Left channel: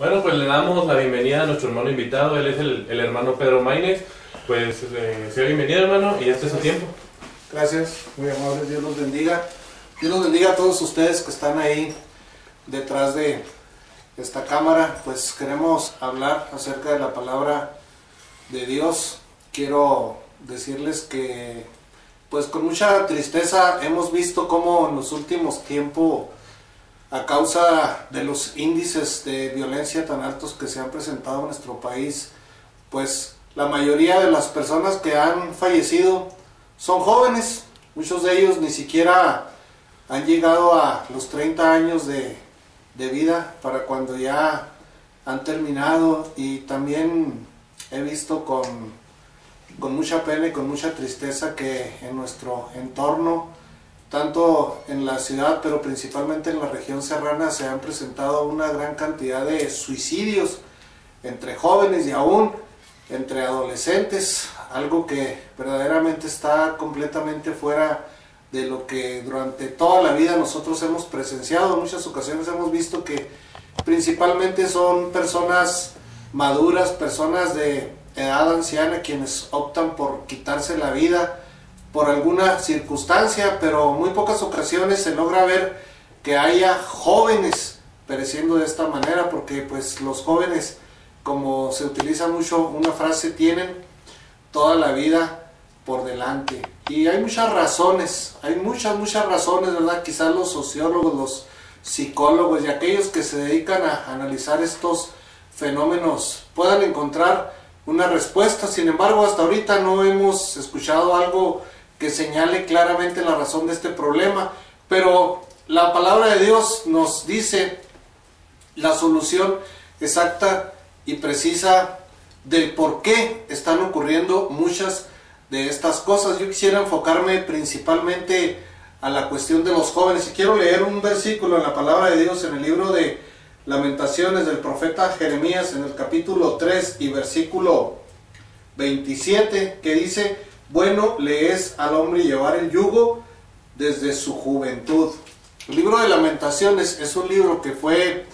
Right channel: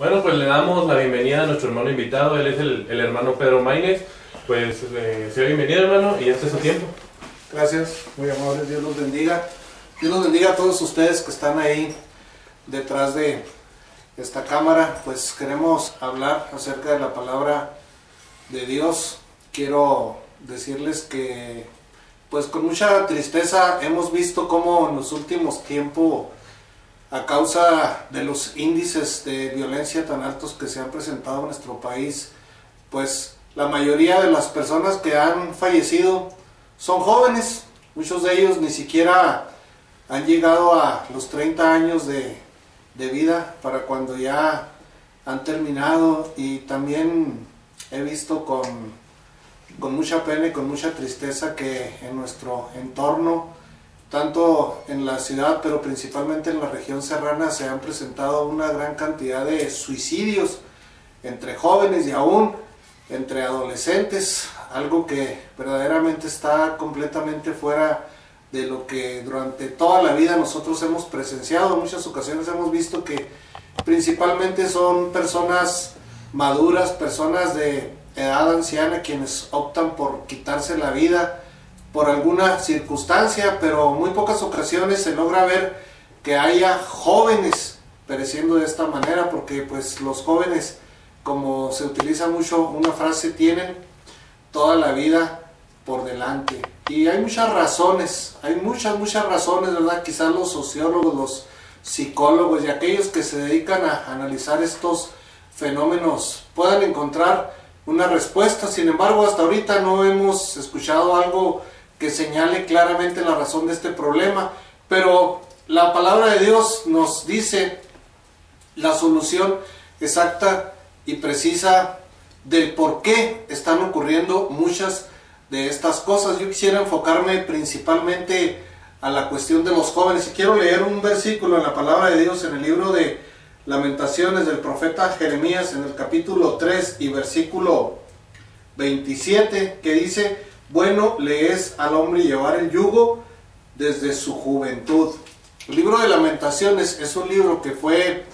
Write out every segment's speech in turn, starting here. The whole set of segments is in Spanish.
Bueno, pues le damos la bienvenida a nuestro hermano invitado. Él es el hermano Pedro Maínez. Pues sea bienvenido, hermano, y este es su tiempo. Gracias, muy amables, Dios los bendiga. Dios los bendiga a todos ustedes que están ahí detrás de esta cámara. Pues queremos hablar acerca de la palabra de Dios. Quiero decirles que pues con mucha tristeza hemos visto cómo en los últimos tiempos, a causa de los índices de violencia tan altos que se han presentado en nuestro país, pues la mayoría de las personas que han fallecido son jóvenes. Muchos de ellos ni siquiera han llegado a los 30 años de vida para cuando ya han terminado. Y también he visto con mucha pena y con mucha tristeza que en nuestro entorno, tanto en la ciudad pero principalmente en la región serrana, se han presentado una gran cantidad de suicidios entre jóvenes y aún entre adolescentes, algo que verdaderamente está completamente fuera de lo que durante toda la vida nosotros hemos presenciado. En muchas ocasiones hemos visto que principalmente son personas maduras, personas de edad anciana, quienes optan por quitarse la vida por alguna circunstancia, pero muy pocas ocasiones se logra ver que haya jóvenes pereciendo de esta manera, porque pues los jóvenes, como se utiliza mucho una frase, tienen toda la vida por delante. Y hay muchas razones, hay muchas razones, ¿verdad? Quizás los sociólogos, los psicólogos y aquellos que se dedican a analizar estos fenómenos puedan encontrar una respuesta. Sin embargo, hasta ahorita no hemos escuchado algo que señale claramente la razón de este problema, pero la palabra de Dios nos dice la solución exacta y precisa del por qué están ocurriendo muchas de estas cosas. Yo quisiera enfocarme principalmente a la cuestión de los jóvenes y quiero leer un versículo en la palabra de Dios en el libro de Lamentaciones del profeta Jeremías, en el capítulo 3 y versículo 27, que dice: bueno le es al hombre llevar el yugo desde su juventud. El libro de Lamentaciones es un libro que fue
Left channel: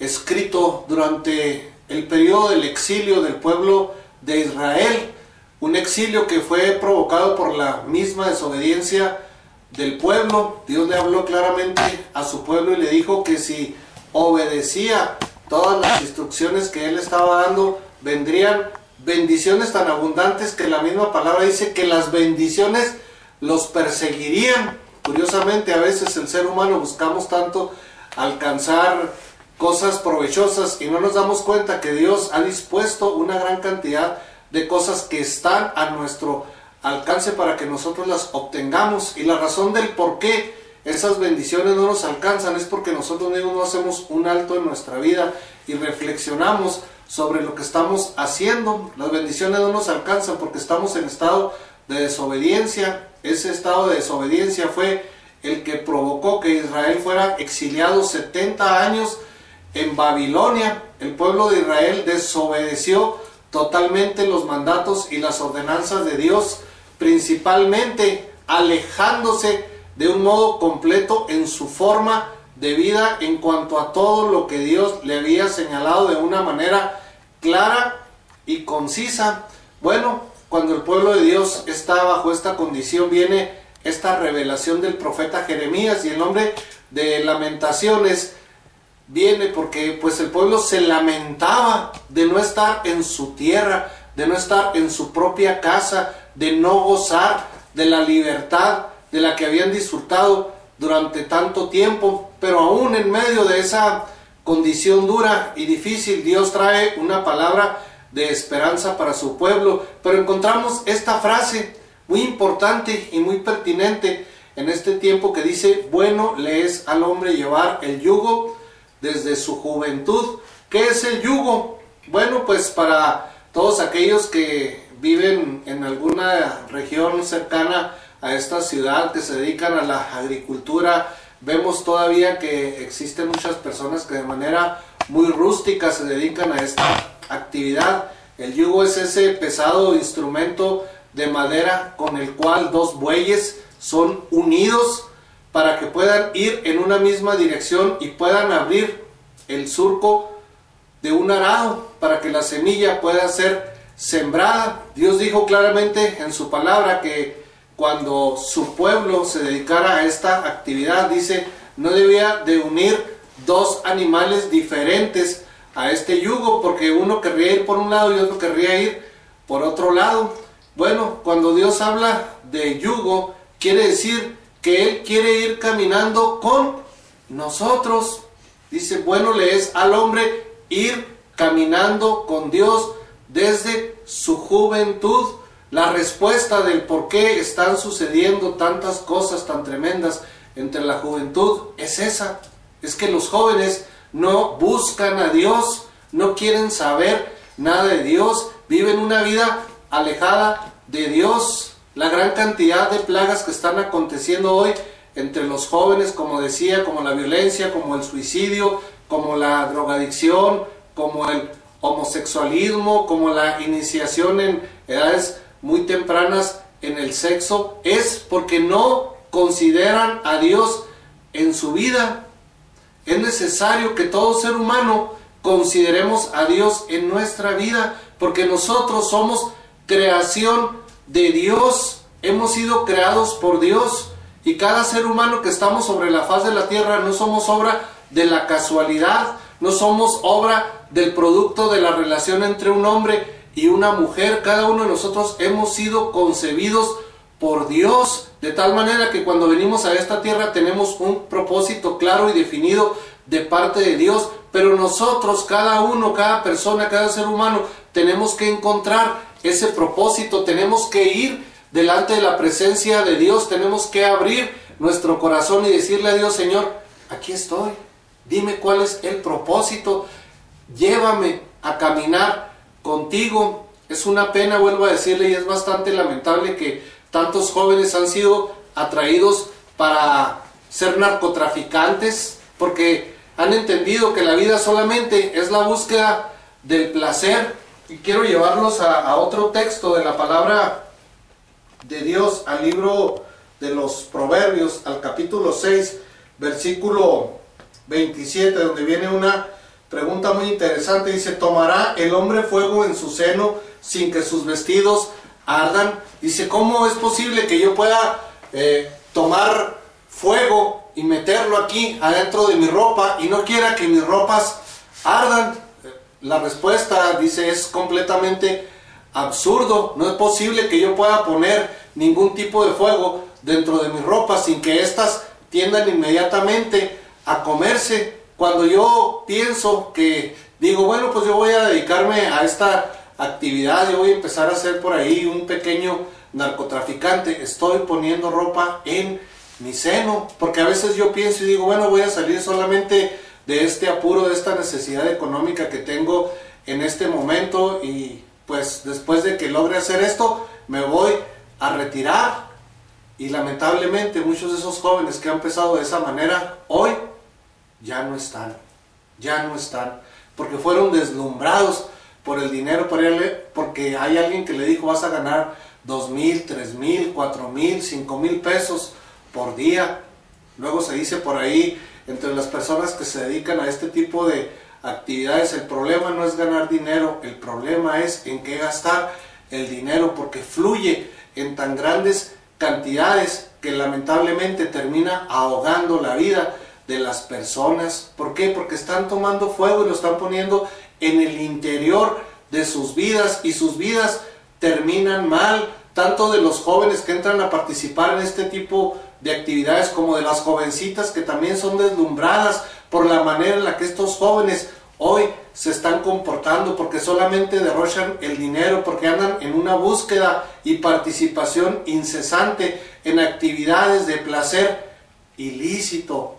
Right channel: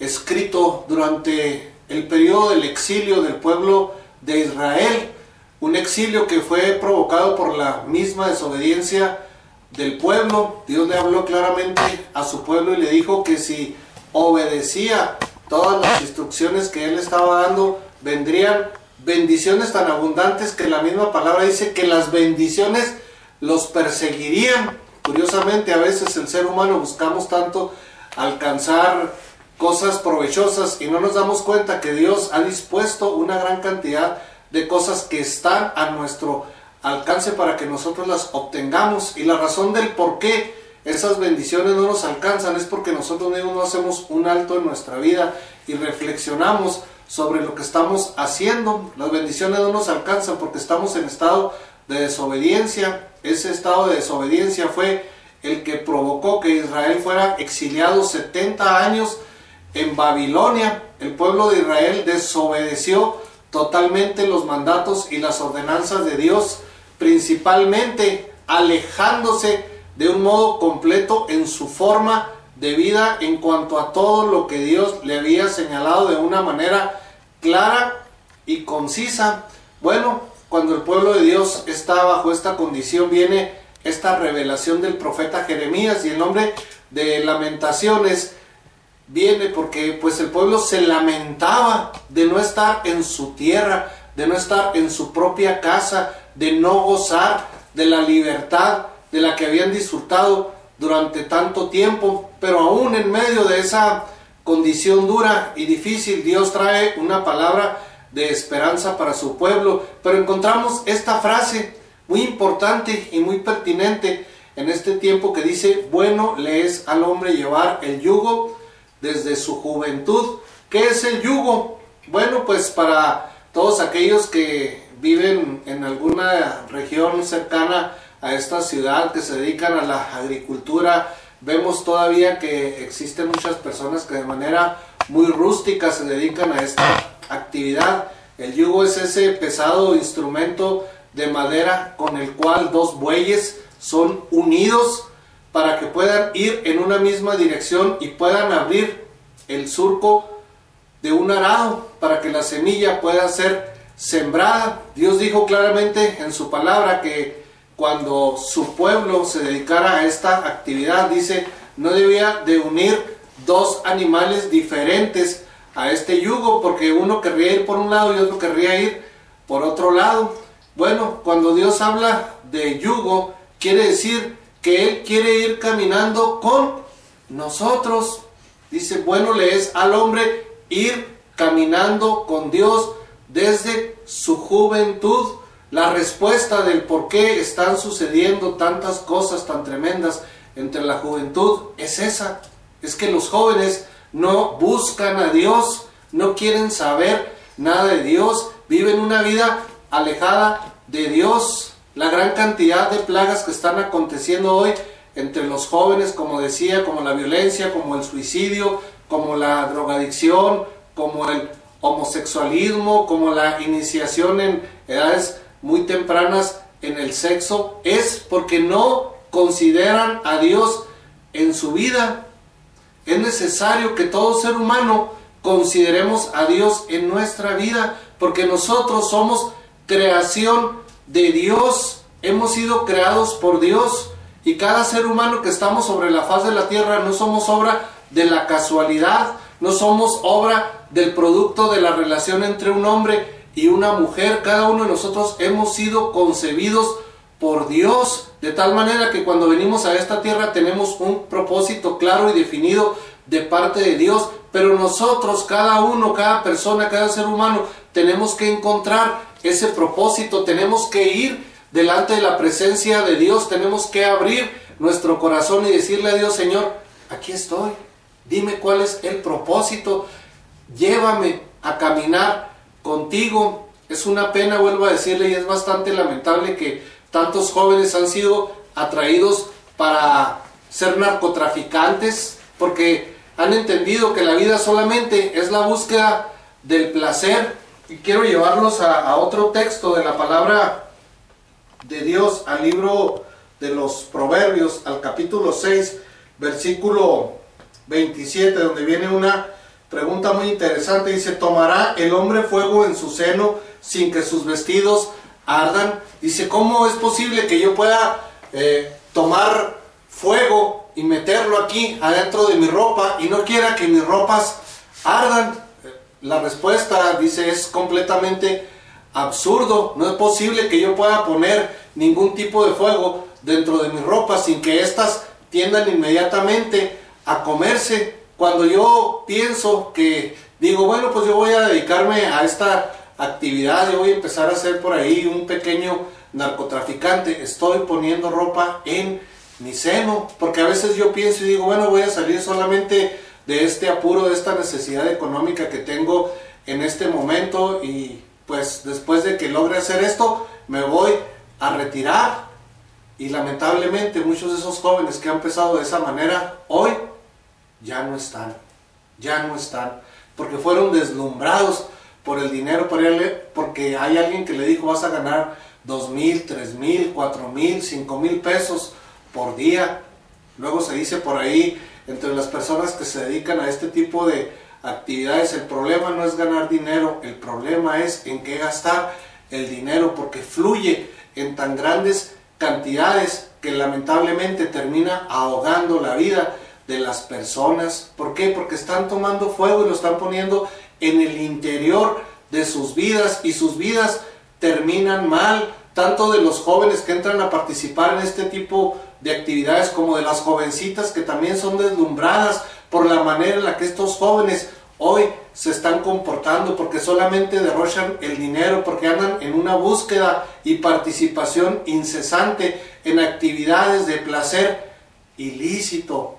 escrito durante el periodo del exilio del pueblo de Israel, un exilio que fue provocado por la misma desobediencia del pueblo. Dios le habló claramente a su pueblo y le dijo que si obedecía todas las instrucciones que él estaba dando, vendrían bendiciones tan abundantes que la misma palabra dice que las bendiciones los perseguirían. Curiosamente, a veces el ser humano buscamos tanto alcanzar cosas provechosas y no nos damos cuenta que Dios ha dispuesto una gran cantidad de cosas que están a nuestro alcance para que nosotros las obtengamos. Y la razón del por qué esas bendiciones no nos alcanzan es porque nosotros mismos no hacemos un alto en nuestra vida y reflexionamos sobre lo que estamos haciendo. Las bendiciones no nos alcanzan porque estamos en estado de desobediencia. Ese estado de desobediencia fue el que provocó que Israel fuera exiliado 70 años en Babilonia. El pueblo de Israel desobedeció totalmente los mandatos y las ordenanzas de Dios, principalmente alejándose de un modo completo en su forma de vida en cuanto a todo lo que Dios le había señalado de una manera clara y concisa. Bueno, cuando el pueblo de Dios está bajo esta condición, viene esta revelación del profeta Jeremías, y el nombre de Lamentaciones viene porque pues el pueblo se lamentaba de no estar en su tierra, de no estar en su propia casa, de no gozar de la libertad de la que habían disfrutado durante tanto tiempo. Pero aún en medio de esa condición dura y difícil, Dios trae una palabra de esperanza para su pueblo. Pero encontramos esta frase muy importante y muy pertinente en este tiempo que dice: bueno le es al hombre llevar el yugo desde su juventud. ¿Qué es el yugo? Bueno, pues para todos aquellos que viven en alguna región cercana a esta ciudad, que se dedican a la agricultura, vemos todavía que existen muchas personas que de manera muy rústica se dedican a esta actividad. El yugo es ese pesado instrumento de madera con el cual dos bueyes son unidos para que puedan ir en una misma dirección y puedan abrir el surco de un arado para que la semilla pueda ser sembrada. Dios dijo claramente en su palabra que cuando su pueblo se dedicara a esta actividad, dice, no debía de unir dos animales diferentes a este yugo, porque uno querría ir por un lado y otro querría ir por otro lado. Bueno, cuando Dios habla de yugo, quiere decir que Él quiere ir caminando con nosotros. Dice, bueno le es al hombre ir caminando con Dios desde su juventud. La respuesta del por qué están sucediendo tantas cosas tan tremendas entre la juventud es esa. Es que los jóvenes no buscan a Dios, no quieren saber nada de Dios, viven una vida alejada de Dios. La gran cantidad de plagas que están aconteciendo hoy entre los jóvenes, como decía, como la violencia, como el suicidio, como la drogadicción, como el homosexualismo, como la iniciación en edades muy tempranas en el sexo, es porque no consideran a Dios en su vida. Es necesario que todo ser humano consideremos a Dios en nuestra vida, porque nosotros somos creación de Dios, hemos sido creados por Dios, y cada ser humano que estamos sobre la faz de la tierra no somos obra de la casualidad, no somos obra del producto de la relación entre un hombre y una mujer. Cada uno de nosotros hemos sido concebidos por Dios, de tal manera que cuando venimos a esta tierra tenemos un propósito claro y definido de parte de Dios, pero nosotros, cada uno, cada persona, cada ser humano, tenemos que encontrar ese propósito, tenemos que ir delante de la presencia de Dios, tenemos que abrir nuestro corazón y decirle a Dios, Señor, aquí estoy, dime cuál es el propósito, llévame a caminar contigo. Es una pena, vuelvo a decirle, y es bastante lamentable que tantos jóvenes han sido atraídos para ser narcotraficantes, porque han entendido que la vida solamente es la búsqueda del placer. Y quiero llevarlos a otro texto de la palabra de Dios, al libro de los Proverbios, al capítulo 6, versículo 27, donde viene una pregunta muy interesante. Dice, ¿tomará el hombre fuego en su seno sin que sus vestidos ardan? Dice, ¿cómo es posible que yo pueda tomar fuego y meterlo aquí adentro de mi ropa y no quiera que mis ropas ardan? La respuesta, dice, es completamente absurdo. No es posible que yo pueda poner ningún tipo de fuego dentro de mi ropa sin que éstas tiendan inmediatamente a comerse. Cuando yo pienso que digo, bueno, pues yo voy a dedicarme a esta actividad, yo voy a empezar a ser por ahí un pequeño narcotraficante, estoy poniendo ropa en mi seno, porque a veces yo pienso y digo, bueno, voy a salir solamente de este apuro, de esta necesidad económica que tengo en este momento, y pues después de que logre hacer esto, me voy a retirar. Y lamentablemente muchos de esos jóvenes que han empezado de esa manera, hoy ya no están, porque fueron deslumbrados por el dinero, porque hay alguien que le dijo, vas a ganar 2,000, 3,000, 4,000, 5,000 pesos por día. Luego se dice por ahí, entre las personas que se dedican a este tipo de actividades, el problema no es ganar dinero, el problema es en qué gastar el dinero, porque fluye en tan grandes cantidades que lamentablemente termina ahogando la vida de las personas. ¿Por qué? Porque están tomando fuego y lo están poniendo en el interior de sus vidas, y sus vidas terminan mal, tanto de los jóvenes que entran a participar en este tipo de actividades como de las jovencitas que también son deslumbradas por la manera en la que estos jóvenes hoy se están comportando, porque solamente derrochan el dinero, porque andan en una búsqueda y participación incesante en actividades de placer ilícito,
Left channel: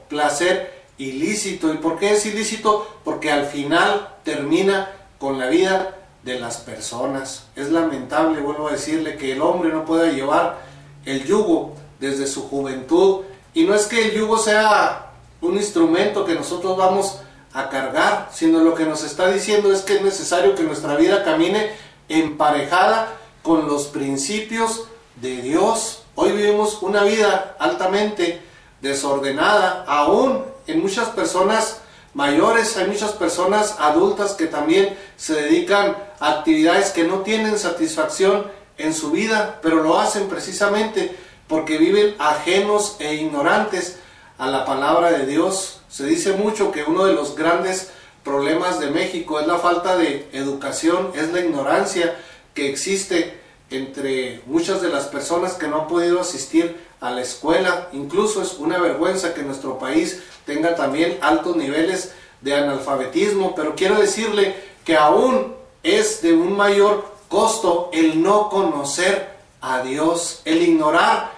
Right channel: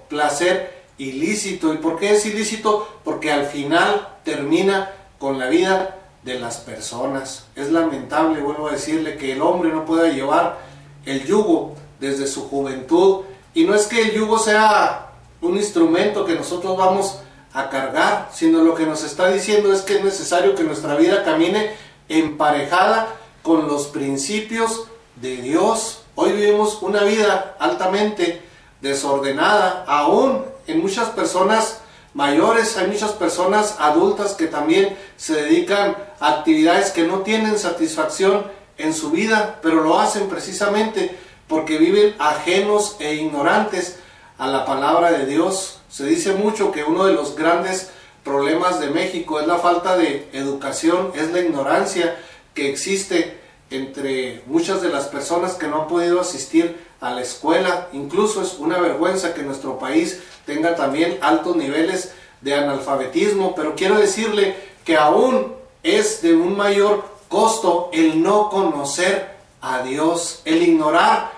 ¿Y por qué es ilícito? Porque al final termina con la vida de las personas. Es lamentable, vuelvo a decirle, que el hombre no pueda llevar el yugo desde su juventud, y no es que el yugo sea un instrumento que nosotros vamos a cargar, sino lo que nos está diciendo es que es necesario que nuestra vida camine emparejada con los principios de Dios. Hoy vivimos una vida altamente desordenada, aún en muchas personas mayores, hay muchas personas adultas que también se dedican a actividades que no tienen satisfacción en su vida, pero lo hacen precisamente porque viven ajenos e ignorantes a la palabra de Dios. Se dice mucho que uno de los grandes problemas de México es la falta de educación, es la ignorancia que existe entre muchas de las personas que no han podido asistir a la escuela. Incluso es una vergüenza que nuestro país tenga también altos niveles de analfabetismo, pero quiero decirle que aún es de un mayor costo el no conocer a Dios, el ignorar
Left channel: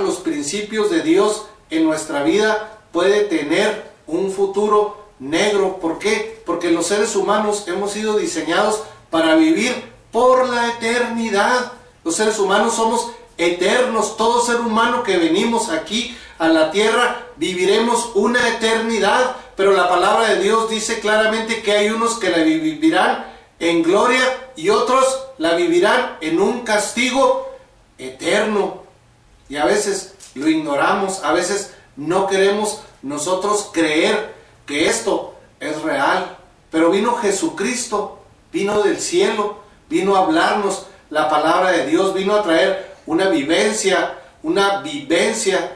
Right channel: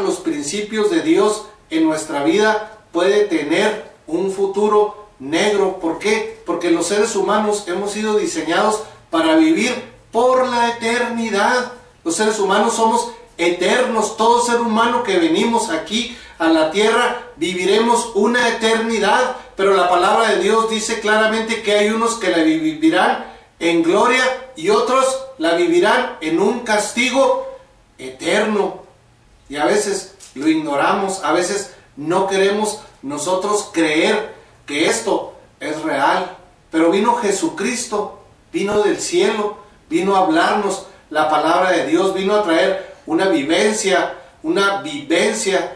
los principios de Dios en nuestra vida puede tener un futuro negro. ¿Por qué? Porque los seres humanos hemos sido diseñados para vivir por la eternidad. Los seres humanos somos eternos. Todo ser humano que venimos aquí a la tierra viviremos una eternidad, pero la palabra de Dios dice claramente que hay unos que la vivirán en gloria y otros la vivirán en un castigo eterno. Y a veces lo ignoramos, a veces no queremos nosotros creer que esto es real. Pero vino Jesucristo, vino del cielo, vino a hablarnos la palabra de Dios, vino a traer una vivencia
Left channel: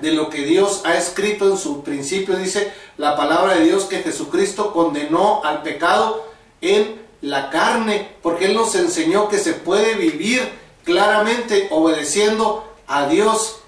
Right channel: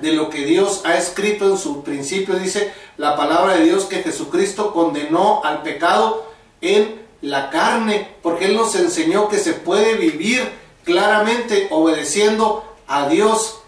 de lo que Dios ha escrito en su principio. Dice la palabra de Dios que Jesucristo condenó al pecado en la carne, porque Él nos enseñó que se puede vivir claramente obedeciendo a Dios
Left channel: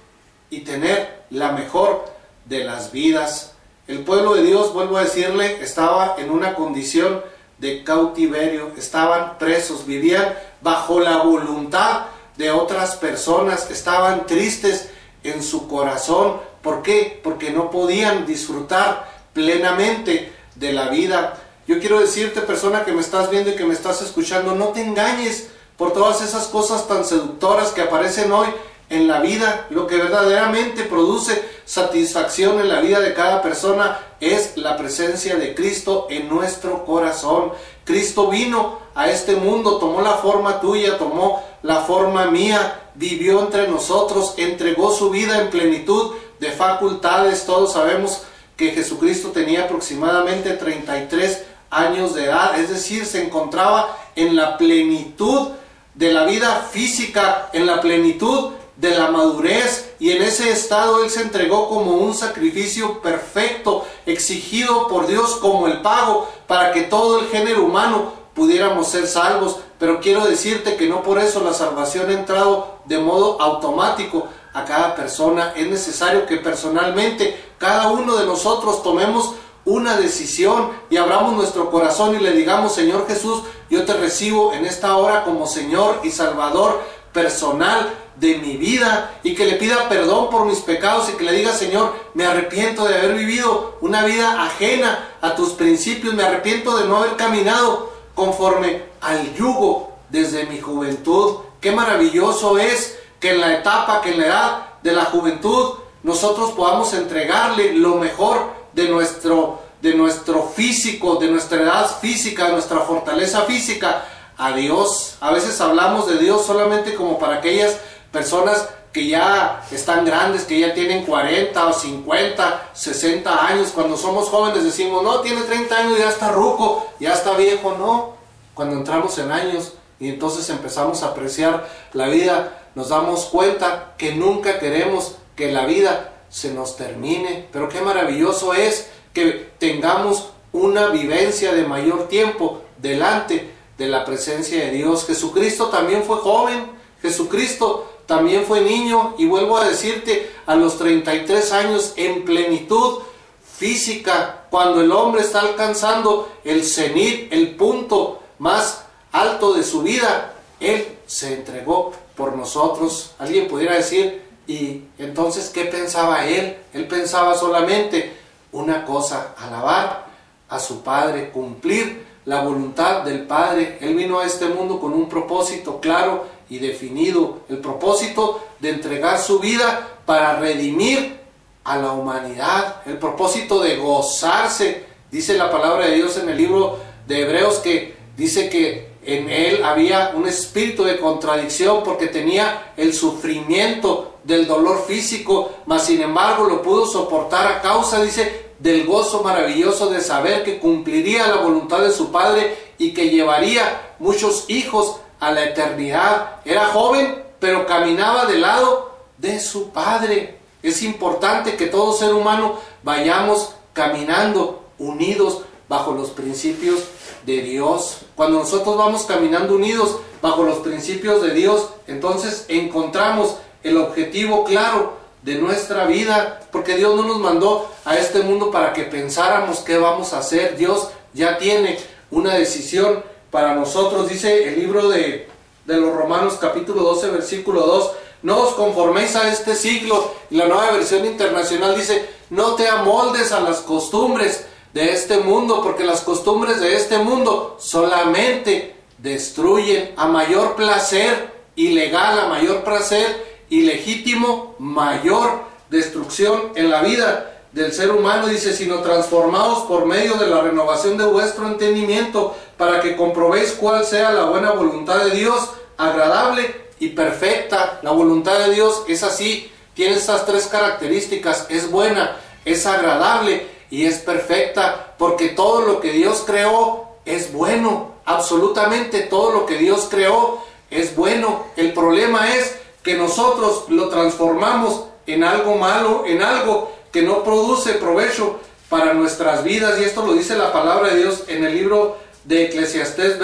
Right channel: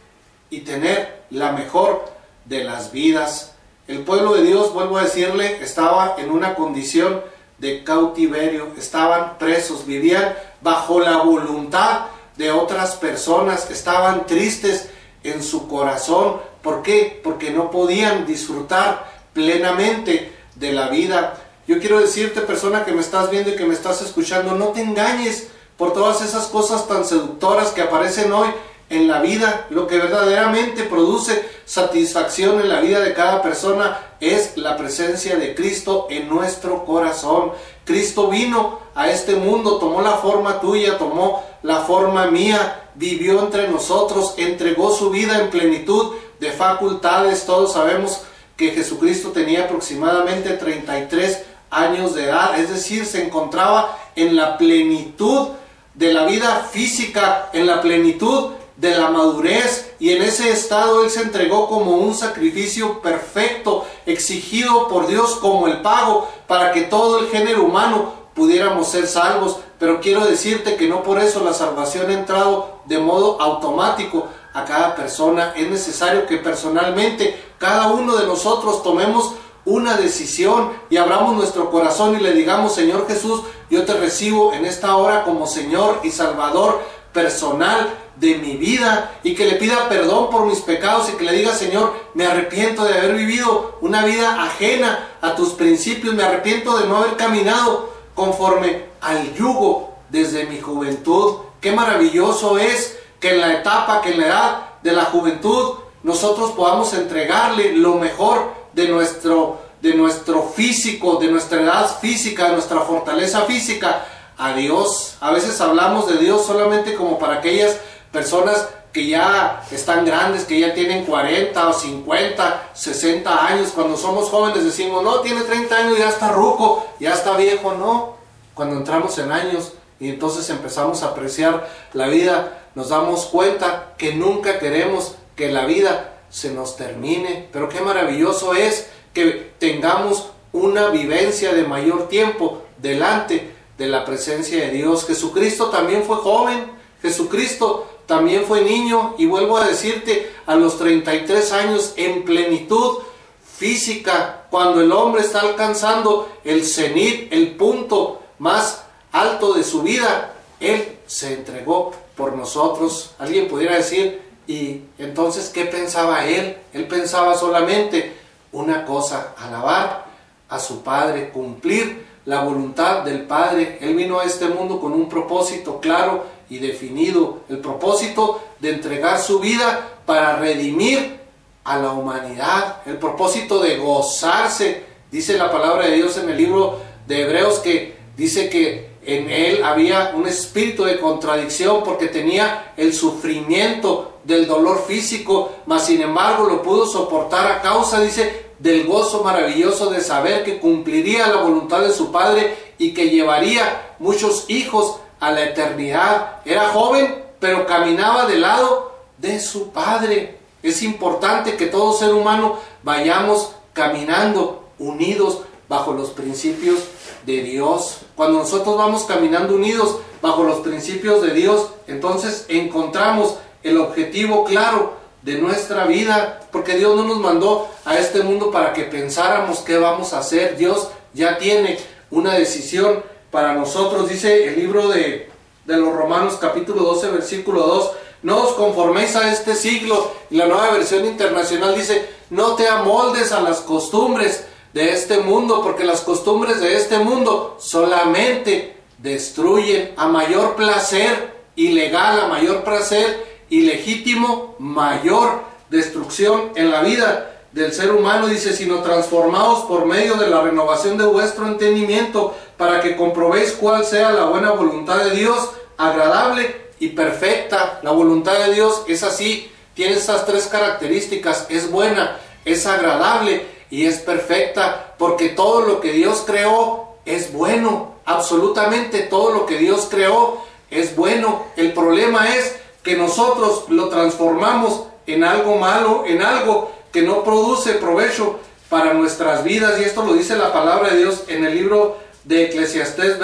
y tener la mejor de las vidas. El pueblo de Dios, vuelvo a decirle, estaba en una condición de cautiverio, estaban presos, vivían bajo la voluntad de otras personas, estaban tristes en su corazón. ¿Por qué? Porque no podían disfrutar plenamente de la vida. Yo quiero decirte, persona que me estás viendo y que me estás escuchando, no te engañes por todas esas cosas tan seductoras que aparecen hoy en la vida. Lo que verdaderamente produce satisfacción en la vida de cada persona es la presencia de Cristo en nuestro corazón. Cristo vino a este mundo, tomó la forma tuya, tomó la forma mía, vivió entre nosotros, entregó su vida en plenitud de facultades. Todos sabemos que Jesucristo tenía aproximadamente 33 años de edad, es decir, se encontraba en la plenitud de la vida física, en la plenitud de la madurez, y en ese estado Él se entregó como un sacrificio perfecto, exigido por Dios como el pago para que todo el género humano pudiéramos ser salvos. Pero quiero decirte que no por eso la salvación ha entrado de modo automático a cada persona. Es necesario que personalmente cada uno de nosotros tomemos una decisión y abramos nuestro corazón y le digamos: Señor Jesús, yo te recibo en esta hora como Señor y Salvador personal de mi vida, y que le pida perdón por mis pecados y que le diga: Señor, me arrepiento de haber vivido una vida ajena a tus principios, me arrepiento de no haber caminado conforme al yugo desde mi juventud. Qué maravilloso es que en la etapa, que en la edad de la juventud nosotros podamos entregarle lo mejor de nuestro físico, de nuestra edad física, de nuestra fortaleza física a Dios. A veces hablamos de Dios solamente como para aquellas personas que ya están grandes, que ya tienen 40 o 50, 60 años. Cuando somos jóvenes decimos: no, tiene 30 años, ya está ruco, ya está viejo. No, cuando entramos en años y entonces empezamos a apreciar la vida, nos damos cuenta que nunca queremos que la vida se nos termine. Pero qué maravilloso es que tengamos una vivencia de mayor tiempo delante de la presencia de Dios. Jesucristo también fue joven, Jesucristo también fue niño, y vuelvo a decirte, a los 33 años, en plenitud física, cuando el hombre está alcanzando el cenit, el punto más alto de su vida, Él se entregó por nosotros. Alguien pudiera decir: ¿y entonces qué pensaba Él? Él pensaba solamente una cosa: alabar a su Padre, cumplir la voluntad del Padre. Él vino a este mundo con un propósito claro y definido, el propósito de entregar su vida para redimir a la humanidad, el propósito de gozarse. Dice la palabra de Dios en el libro de Hebreos que dice que en Él había un espíritu de contradicción, porque tenía el sufrimiento del dolor físico, mas sin embargo lo pudo soportar a causa, dice, del gozo maravilloso de saber que cumpliría la voluntad de su padre y que llevaría muchos hijos a la eternidad. Era joven, pero caminaba del lado de su padre. Es importante que todo ser humano vayamos caminando unidos bajo los principios de Dios. Cuando nosotros vamos caminando unidos bajo los principios de Dios, entonces encontramos el objetivo claro de nuestra vida, porque Dios no nos mandó a este mundo para que pensáramos qué vamos a hacer. Dios ya tiene una decisión para nosotros. Dice el libro de los Romanos capítulo 12 versículo 2: no os conforméis a este siglo. Y la Nueva Versión Internacional dice: no te amoldes a las costumbres de este mundo, porque las costumbres de este mundo solamente destruyen. A mayor placer ilegal, a mayor placer ilegítimo, mayor destrucción en la vida del ser humano. Dice: sino transformaos por medio de la renovación de vuestro entendimiento, para que comprobéis cuál sea la buena voluntad de Dios, agradable y perfecta. La voluntad de Dios es así, tiene estas tres características: es buena, es agradable y es perfecta, porque todo lo que Dios creó es bueno. Absolutamente todo lo que Dios creó es bueno. El problema es que nosotros lo transformamos en algo malo, en algo que no produce provecho para nuestras vidas. Y esto lo dice la palabra de Dios en el libro de Eclesiastés,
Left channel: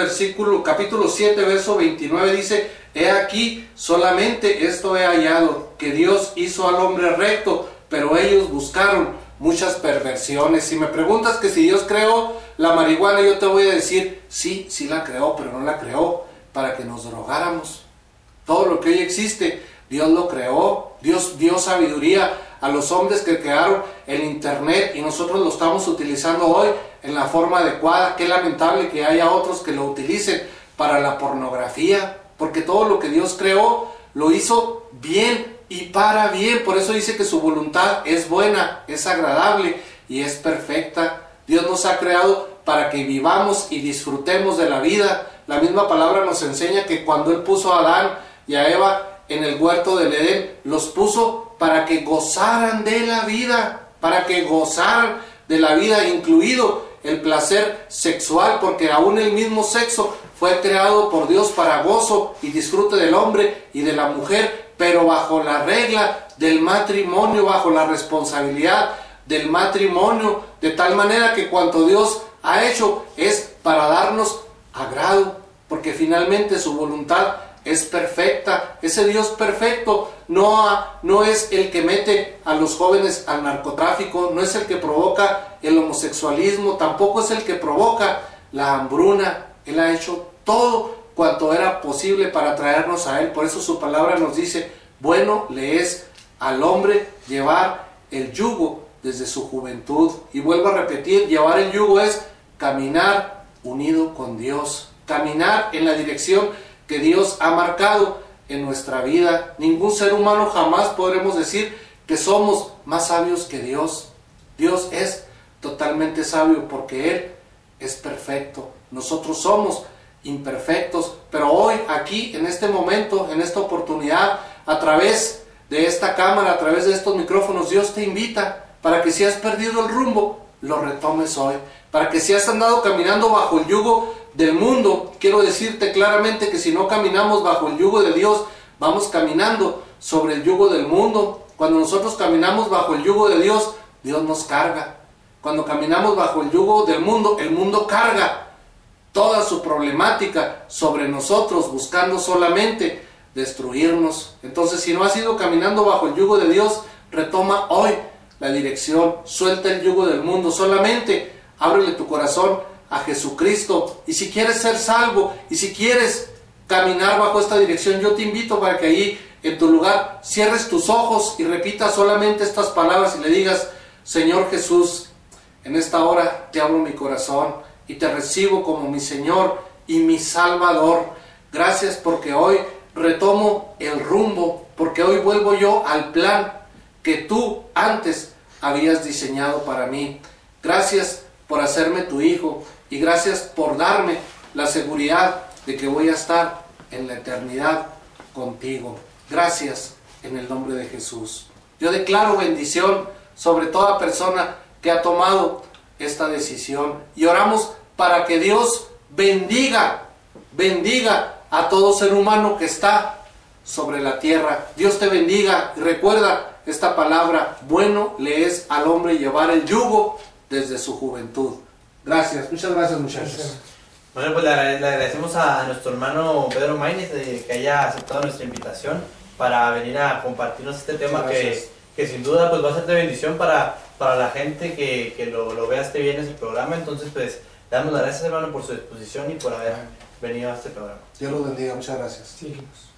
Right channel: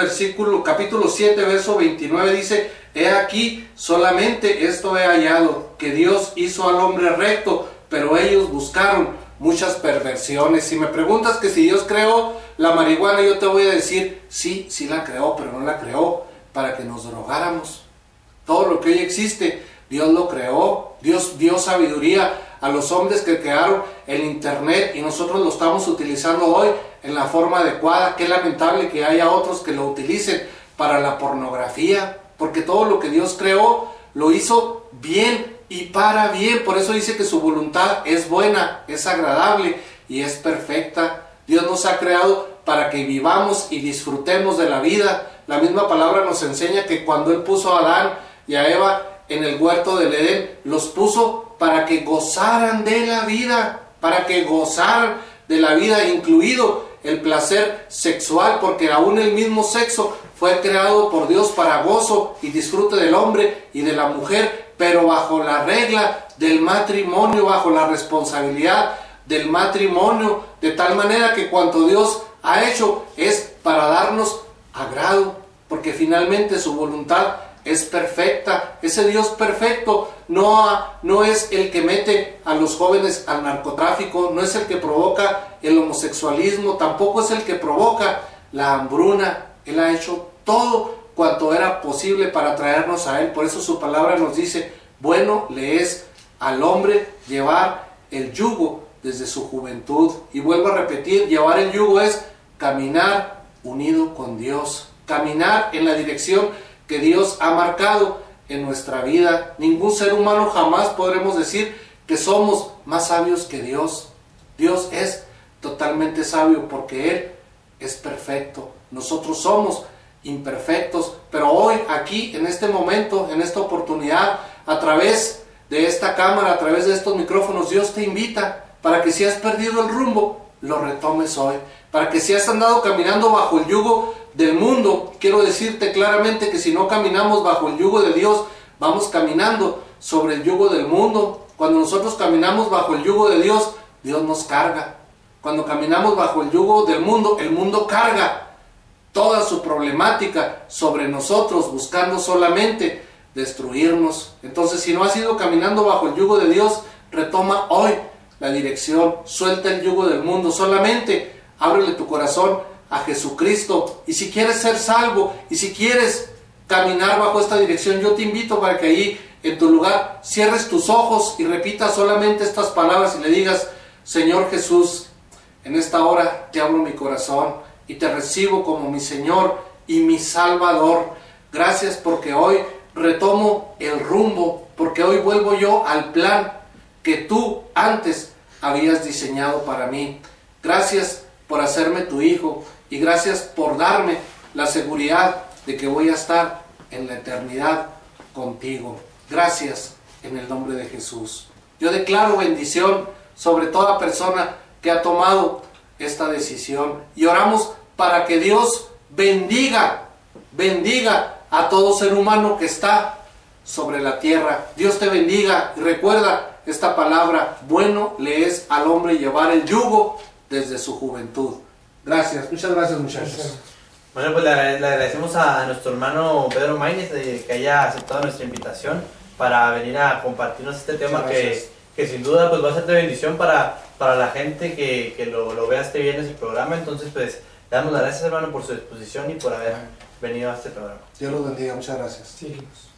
capítulo 7, verso 29, dice: he aquí, solamente esto he hallado, que Dios hizo al hombre recto, pero ellos buscaron muchas perversiones. Si me preguntas que si Dios creó la marihuana, yo te voy a decir: sí, sí la creó, pero no la creó para que nos drogáramos. Todo lo que hoy existe, Dios lo creó. Dios dio sabiduría a los hombres que crearon el internet, y nosotros lo estamos utilizando hoy en la forma adecuada. Qué lamentable que haya otros que lo utilicen para la pornografía, porque todo lo que Dios creó lo hizo bien y para bien. Por eso dice que su voluntad es buena, es agradable y es perfecta. Dios nos ha creado para que vivamos y disfrutemos de la vida. La misma palabra nos enseña que cuando Él puso a Adán y a Eva en el huerto del Edén, los puso para que gozaran de la vida, para que gozaran de la vida, incluido el placer sexual, porque aún el mismo sexo fue creado por Dios para gozo y disfrute del hombre y de la mujer, pero bajo la regla del matrimonio, bajo la responsabilidad del matrimonio, de tal manera que cuanto Dios ha hecho es para darnos agrado, porque finalmente su voluntad es perfecta. Ese Dios perfecto no es el que mete a los jóvenes al narcotráfico, no es el que provoca el homosexualismo, tampoco es el que provoca la hambruna. Él ha hecho todo cuanto era posible para traernos a Él. Por eso su palabra nos dice: bueno le es al hombre llevar el yugo desde su juventud. Y vuelvo a repetir, llevar el yugo es caminar unido con Dios, caminar en la dirección que Dios ha marcado en nuestra vida. Ningún ser humano jamás podremos decir que somos más sabios que Dios. Dios es totalmente sabio porque Él es perfecto. Nosotros somos imperfectos, pero hoy, aquí, en este momento, en esta oportunidad, a través de esta cámara, a través de estos micrófonos, Dios te invita para que si has perdido el rumbo, lo retomes hoy. Para que si has andado caminando bajo el yugo del mundo, quiero decirte claramente que si no caminamos bajo el yugo de Dios, vamos caminando sobre el yugo del mundo. Cuando nosotros caminamos bajo el yugo de Dios, Dios nos carga. Cuando caminamos bajo el yugo del mundo, el mundo carga toda su problemática sobre nosotros, buscando solamente destruirnos. Entonces, si no has ido caminando bajo el yugo de Dios, retoma hoy la dirección, suelta el yugo del mundo, solamente ábrele tu corazón a Jesucristo. Y si quieres ser salvo, y si quieres caminar bajo esta dirección, yo te invito para que ahí en tu lugar cierres tus ojos y repitas solamente estas palabras y le digas: Señor Jesús, en esta hora te abro mi corazón y te recibo como mi Señor y mi Salvador. Gracias porque hoy retomo el rumbo, porque hoy vuelvo yo al plan que tú antes habías diseñado para mí. Gracias por hacerme tu hijo y gracias por darme la seguridad de que voy a estar en la eternidad contigo. Gracias en el nombre de Jesús. Yo declaro bendición sobre toda persona que ha tomado esta decisión. Y oramos para que Dios bendiga a todo ser humano que está sobre la tierra. Dios te bendiga y recuerda esta palabra: bueno le es al hombre llevar el yugo desde su juventud. Gracias, muchas gracias, muchachos. Bueno, pues le agradecemos a nuestro hermano Pedro Maínez que haya aceptado nuestra invitación para venir a compartirnos este tema que sin duda pues va a ser de bendición para la gente que lo vea este viernes el programa. Entonces pues le damos las gracias, hermano, por su disposición y por haber venido a este programa. Dios los bendiga, muchas gracias. Síguenos.